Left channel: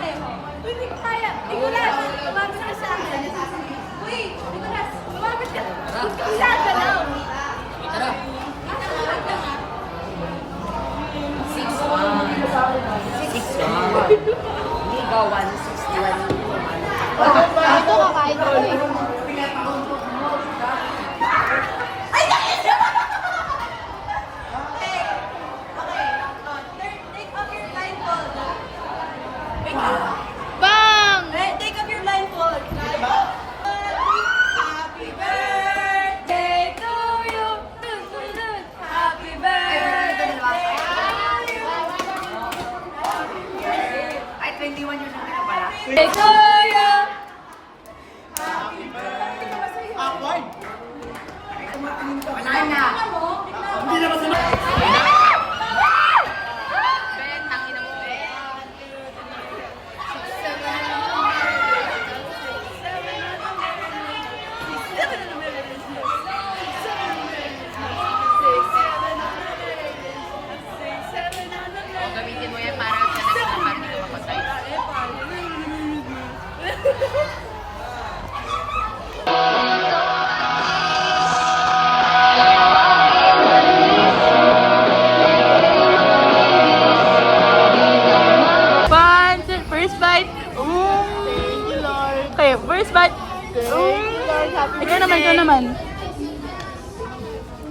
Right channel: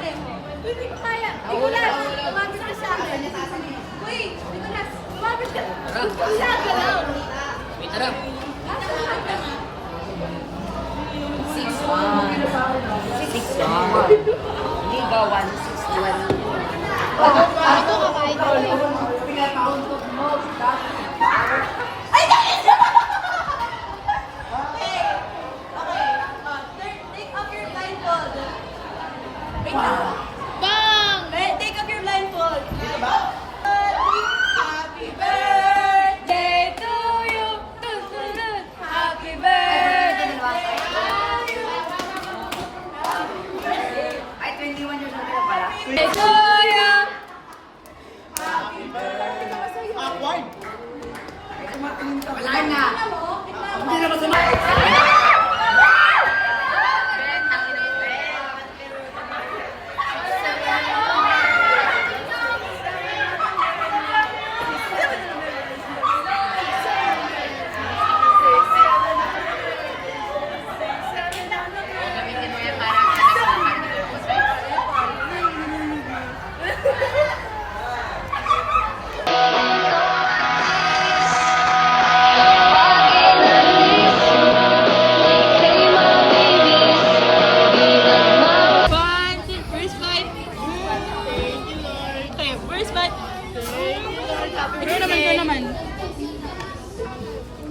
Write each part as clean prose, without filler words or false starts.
pareho. Hindi ko kaya. Nicolas, lumapit ka sa akin. Uy, Nicolas, lumapit ka. Hindi na galaw. Tara. 6-1. Liga 161. Ito kakain ko eh. Ay, nakita! Okay. Okay. Take off your blindfold. Wait lang. Bang! Take off your blindfold. Happy birthday to you. Happy birthday to you. Ay, 21 years old na pala. To you. Wala na. Hindi na masama. Gamitin mo yan para First bite. Okay, first bite. Ikaw naman.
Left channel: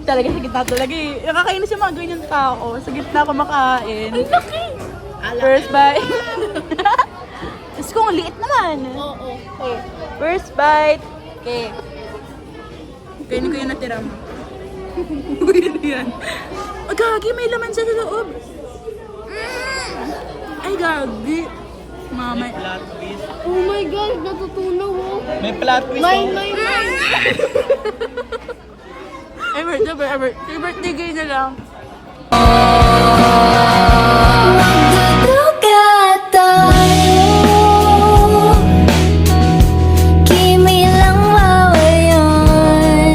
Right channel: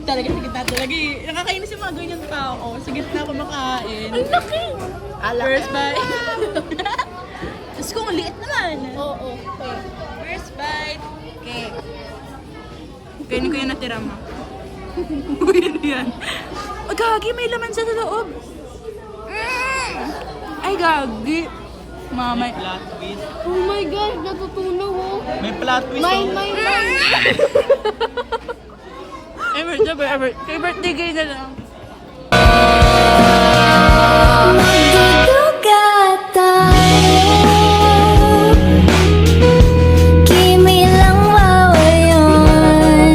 Talaga sa gitna talaga eh. Nakakainis yung mga ganyan tao. Sa gitna kumakain. First bite. Tapos kung liit naman. Oo. First bite. Okay. Kainin ko yung natira mo. Uy, yan. Gagi, may laman sa loob. Ay, gagi. Mamay. Oh my God, natutulog oh. May plot twist Kay birthday gay na lang. Magduduga tayo, kimilang wawayan.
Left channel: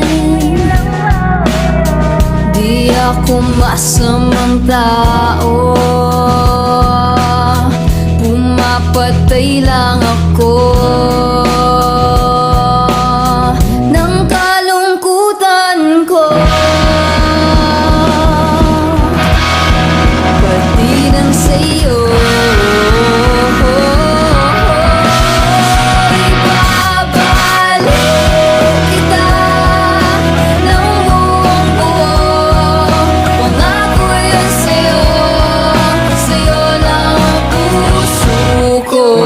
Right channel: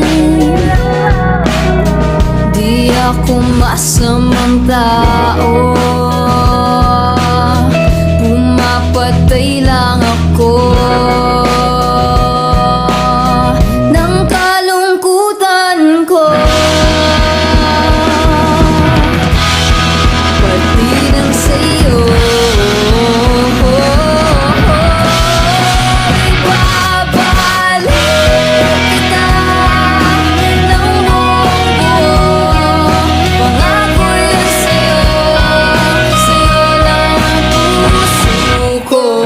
Di ako masamang tao, pumapatay lang ako ng kalungkutan ko. Pati ng sa'yo, ibabalik kita ng buong buo. Pangako yun sa'yo, sa'yo lang ang puso ko.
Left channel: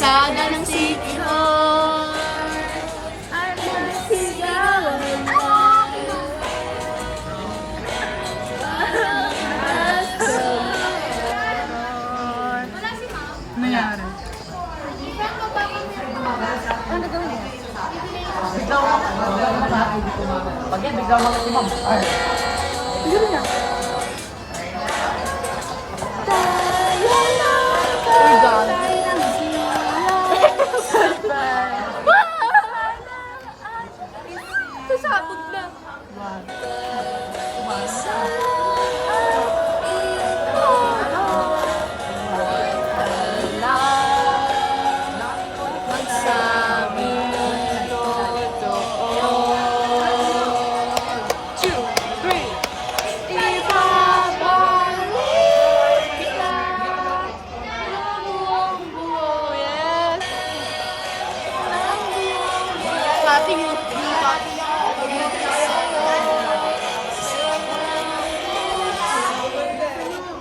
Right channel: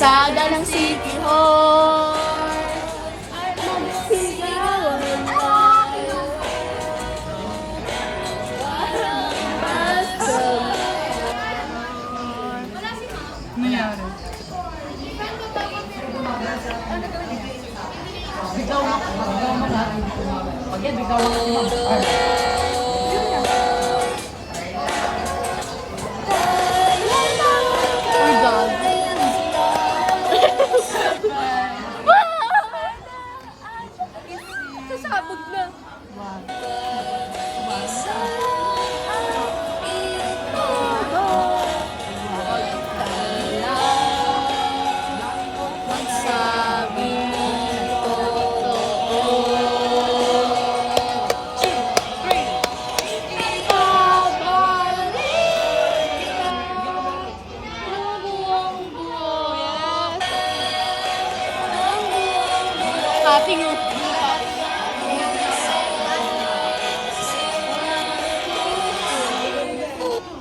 kalsada ng City Hall at magsigawan tayo. Nangyari. Uy, God. Sasabog na. Magsabi ng totoo. 2, 3. Ibabalik kita ng buong buo. Yes. Ng buong buo. Ating yung pops.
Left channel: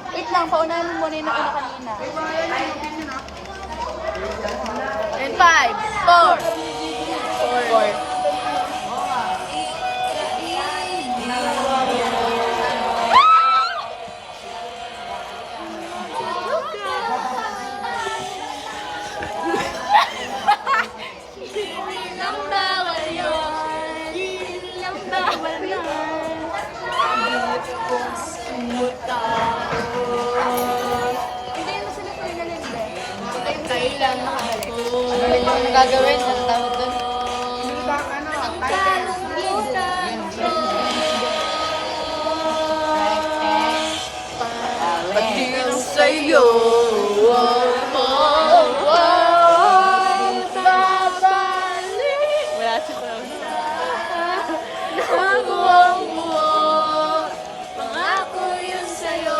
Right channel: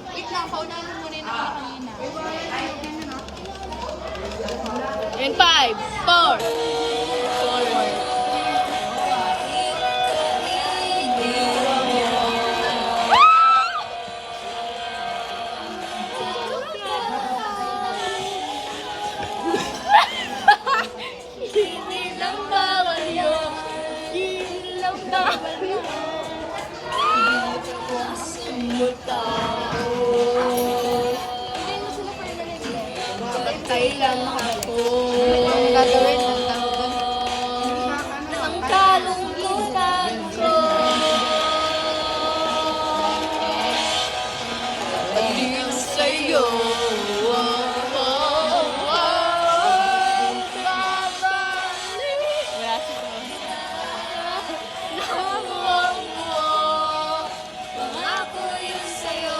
Wait lang, paunahan mo muna yung nakuna kanina. And 5, 4. 4. Hindi lang bawal yan. Hindi lang bawal yan. Dito kong sumutaro. Hindi mo sila pagaling ba? Kailan nakabalik? Ang gagawin mo tawag doon? Ang kalunggitan ko. Paglingang sa'yo. Pangako yun sa'yo.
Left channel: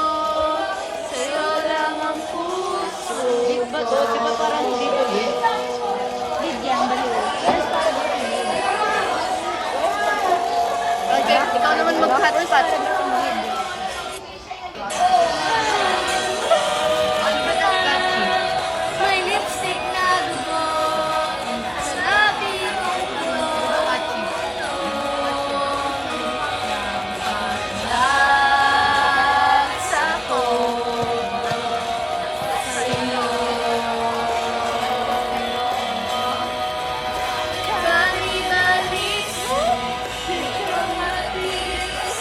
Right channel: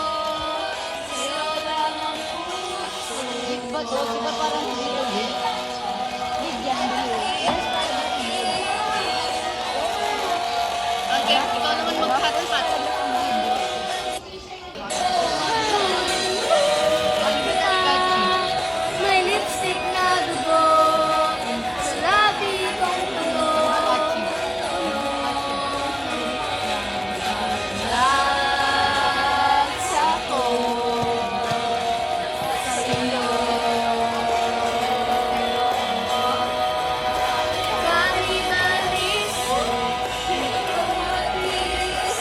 Sa'yo lang ang puso. Okay, ikaw naman mag-hat-hat. May lipstick na dugo sa labi kong ako sa'yo. Bali-balis, bali-balis, bali-balis,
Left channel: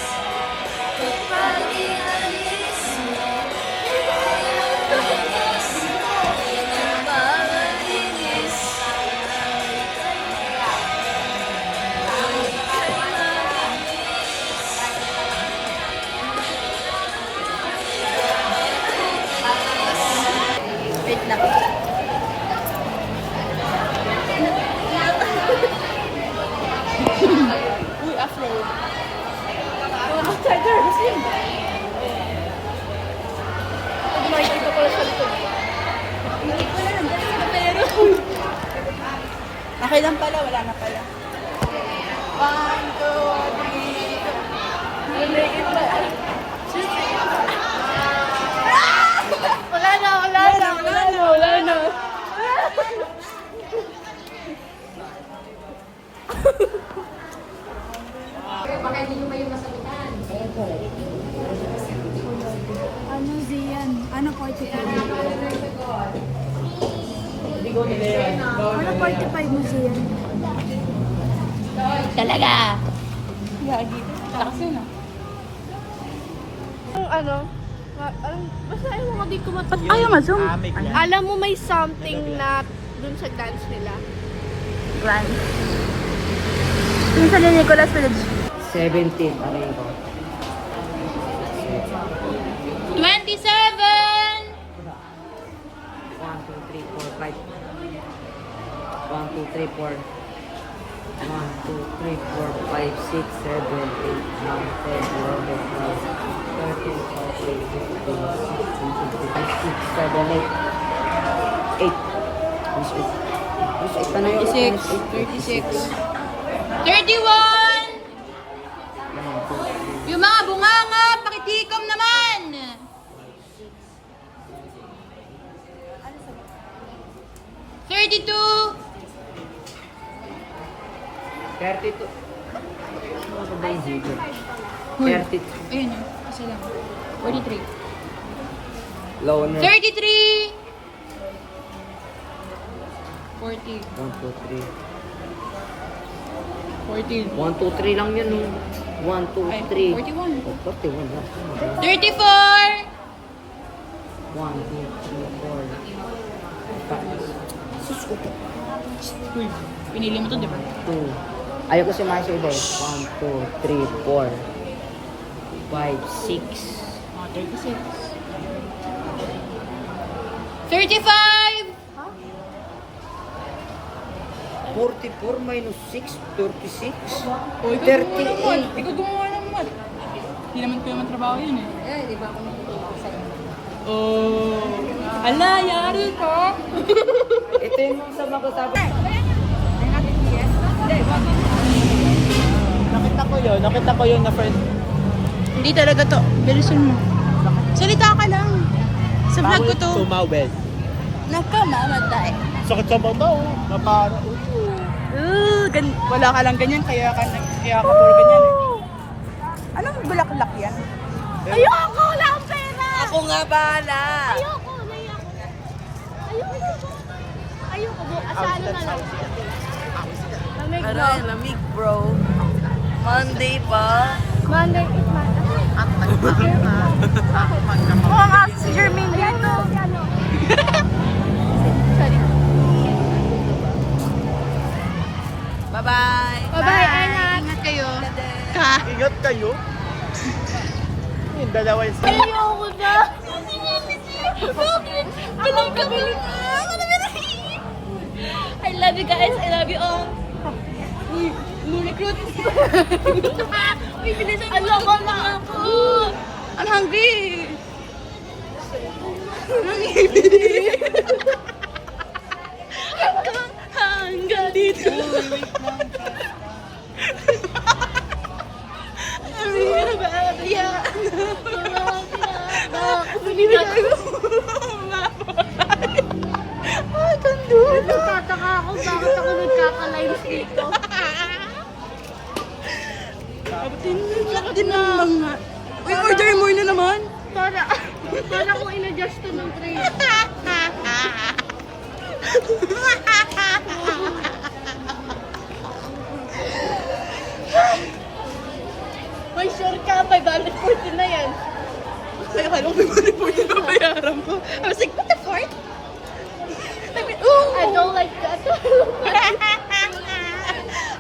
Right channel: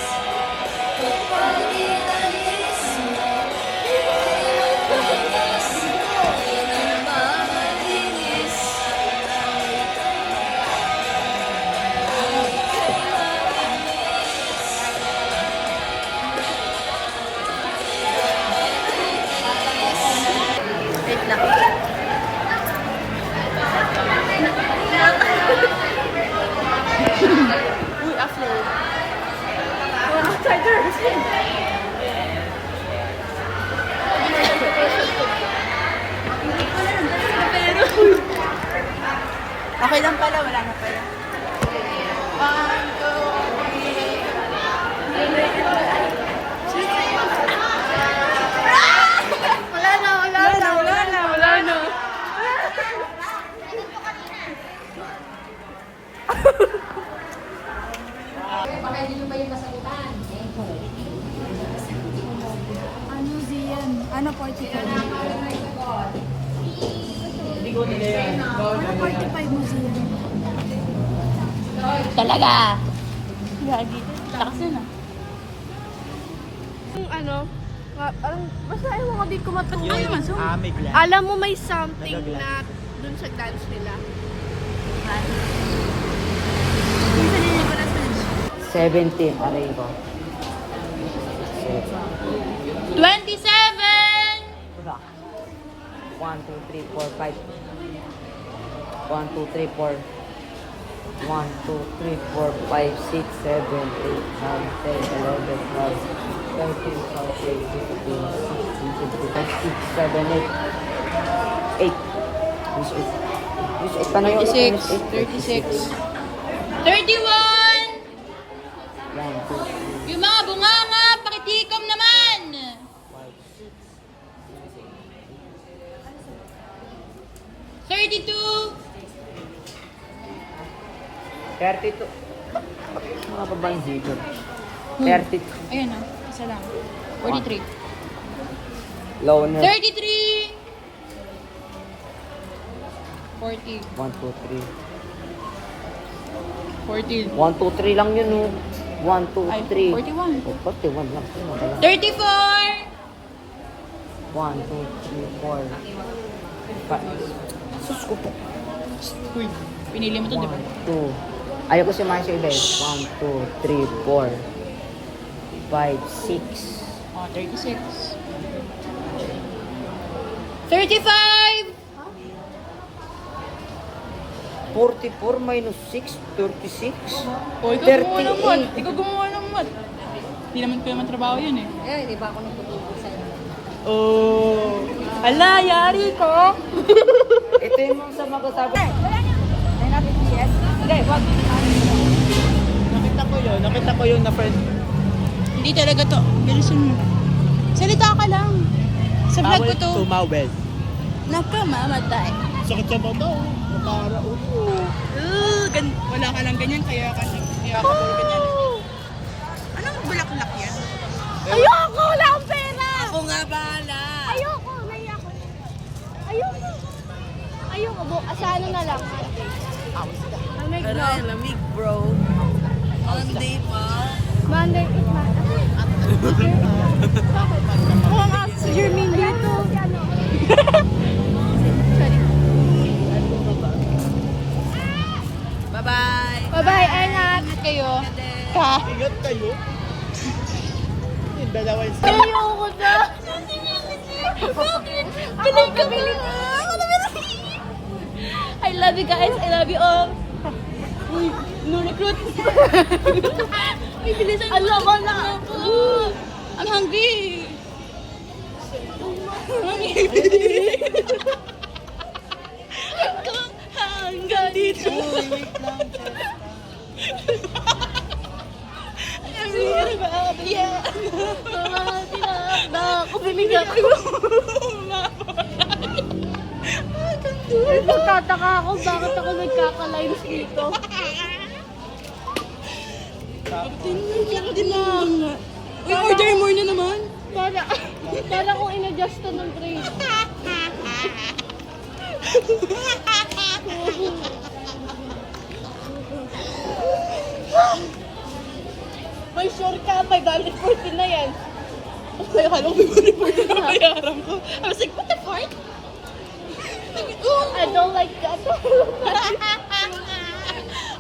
bali-balis. Wait lang. Uy, afro. Mga outsider, Muslim. Pag makikita ko lang sa likod. Hindi ko lang, pero... Okay lang pala, wala na pala. 1, 2, 3. Hindi ko lang. Wala na. Ano Zian? Ano 45? Ano 45 mo Zian? Talaga. Basta ayaw ko di ko matuloy. Ayaw nga, zoom. Alam mo may something na dun sa dance nila. Yung sa ni Nicolas Village. 17, aray ko. 27! 1, 2, 3, 4, 5. 1, 2, 3, 4. 1, 2, 3, 4, 5, 6, 7, 8, 9, 10, 11, 12, 13, 14, 15, 16, 17, 18. 8. Which 8 pa na yun? 36. 31! 1, 2, 3. Yung mga bunganga, pakitikom naman! 32! 32. Mga babaeng dito. 32. Ayun, isa lang. 43. Loner. 33! 40. 1, 2, 3. 14. 1, 2, 3 lang yun, oh. 1, 2, Ay, 3. 41. Oh, 41 lang. 34! 1, 2, 3, 4. Sus ko po. Uy, pinili mo to, di ba? 2. Ayaw ko si Marcia iba eh. 1, 2, 3, 4. 5, 6. Oh, 36. 35! 44 minus 6, 36. Oh, ikaw gumawa ng math. 38. Ikaw gumawa ng math. Hindi naman kayo matrabaho yun eh. Eh, di ba ako nagtutulong sa inyo? Oh. Ala, yari ka. Ito yung mga sabi ko sabi. Ay natin yung chest. Nakita ko yun na first. Hindi talaga to. Bilisan mo. Salita ka lang. Sa vlog ko to. Tumawid. Nakamamatay. Sakit sa mata, oh. Napara, Wala ka lang ganyan, kaya ka ganyan. Anong bulaklak yan? Ayoko! Wala akong pera! Ako nga bahala. Ayoko! Naiya ko. Ayoko! Ayoko. Sa ano na lang? Lamig na. lamig bro. Monday pa. Monday is Monday. Bakit? Ang aso si Jermaine dito. Ano? Sorry. Bye-bye. Bye-bye, Anak. Ingat kayo. Ka. Ingat kayo. Yung dalawa yung Ayoko na. Bakit? Galing ka ba? I love you guys. I love you all. Uy, no recruit. Alam ko na ako. I'm hungry. Hanggang dito. Yeah. Nakakabilis ako. Nagtataka ako bakit ako nagkaka-lives dito. Laka din lang. Uy, order more na naman. Para kung in-adjust ko ng tray. May sure ka, $5.40 na yan. Kaya kala ko $5.40 na bayaran ko. I was like, what the fuck? I don't like that.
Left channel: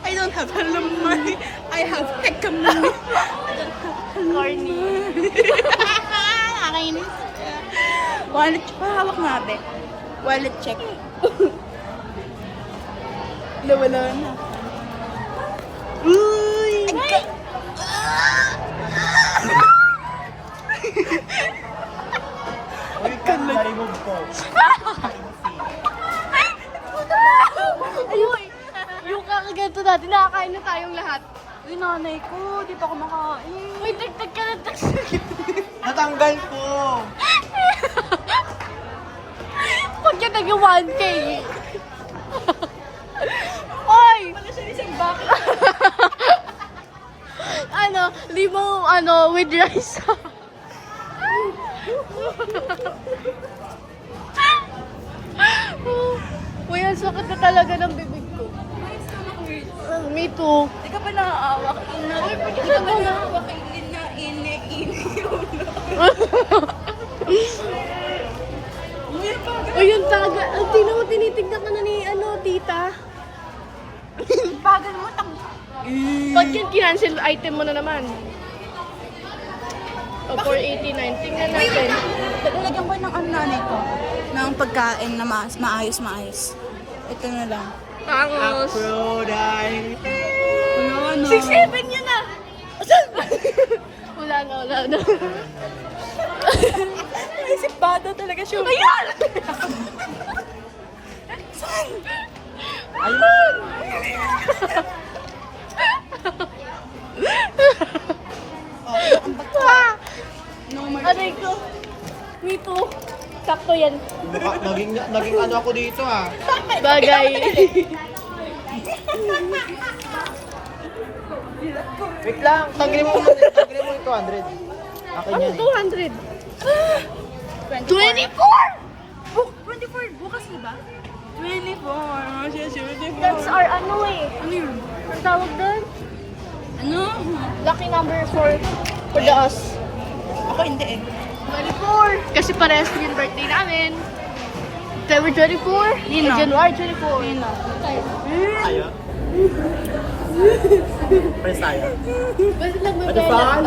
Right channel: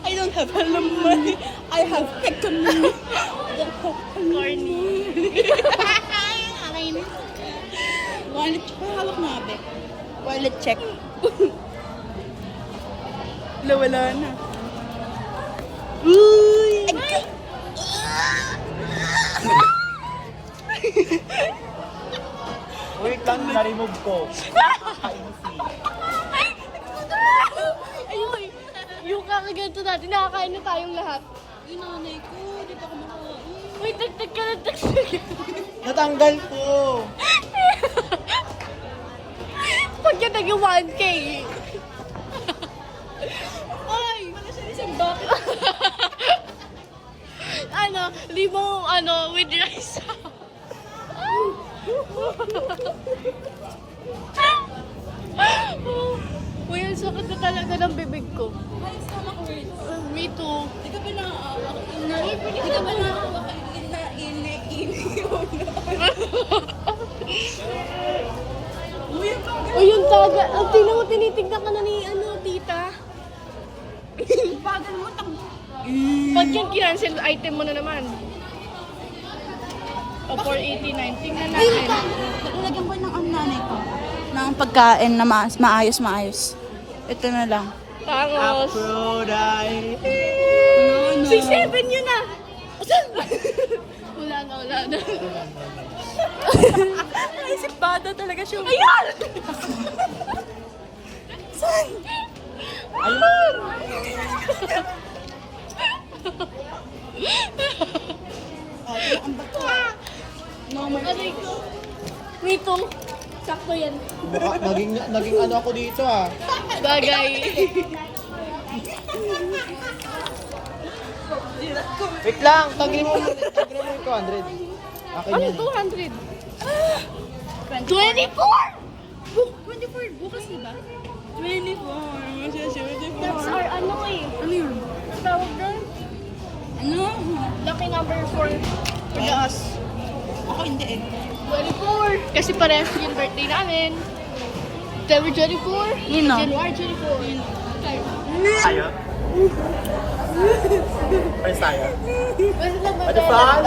I don't have hello money. I have hecka money. Corny. Nakakainis. Wallet, hawak nga, be. Wallet check. Wala na. Uy! Uy, kan na-remove ko. Uy! Yung kakaganto natin, nakakain na tayong lahat. Uy, nanay ko, di pa ako makain. Uy, tiktik ka na Natanggal ko. Pag yan naging 1K. Oy! Wala siya isang box. Limong with rice. Uy, ang sakit na talaga ng bibig ko. Me too. Di ka pa nakaaawak. Di ka pa nakaaawak kay Uy, yung taga. Ang tinitignan ka na ni tita. Bagal mo, Pag yan, cancel item mo na naman. O, 489. Tingnan natin. Nagulagyan ko ng nanay ko. Ng pagkain na maayos. Ito na lang. Tangos. So, dahil... 6-7 yun na. Wala na. Naisip bata talaga siya. Ayan! Ano ito? Me too. Sakto yan. Naging ano ako dito, ah. Bagay. Wait lang, tagre mo yung 200. Akin yan eh. 24! Oh, 24! Bukas ba? 24. That's our ano eh. Ano yun? Ang tawag doon? Ano? Lucky number for the us. Ako hindi eh. 24! Kasi parehas yung birthday namin. February 24? Nino? January 24. Okay. Tayo? Ay, tayo. When lang mo Father Franz?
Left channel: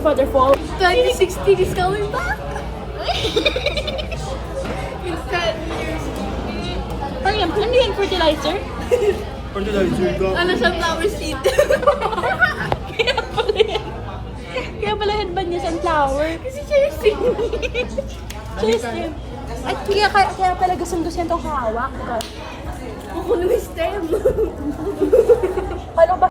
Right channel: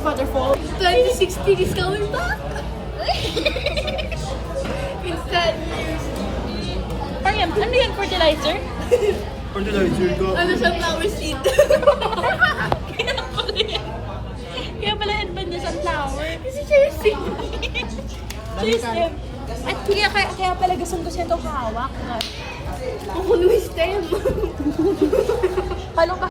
Waterfall. 2016 is coming back! Instant news. Mariam, ano yan? Fertilizer? Fertilizer ko. Ano sunflower seed? Kaya pala headband niya sunflower. Kasi Chelsea. Chelsea. At kaya pala gusto niya itong hawak. Kukuno yung stem. Ano ba?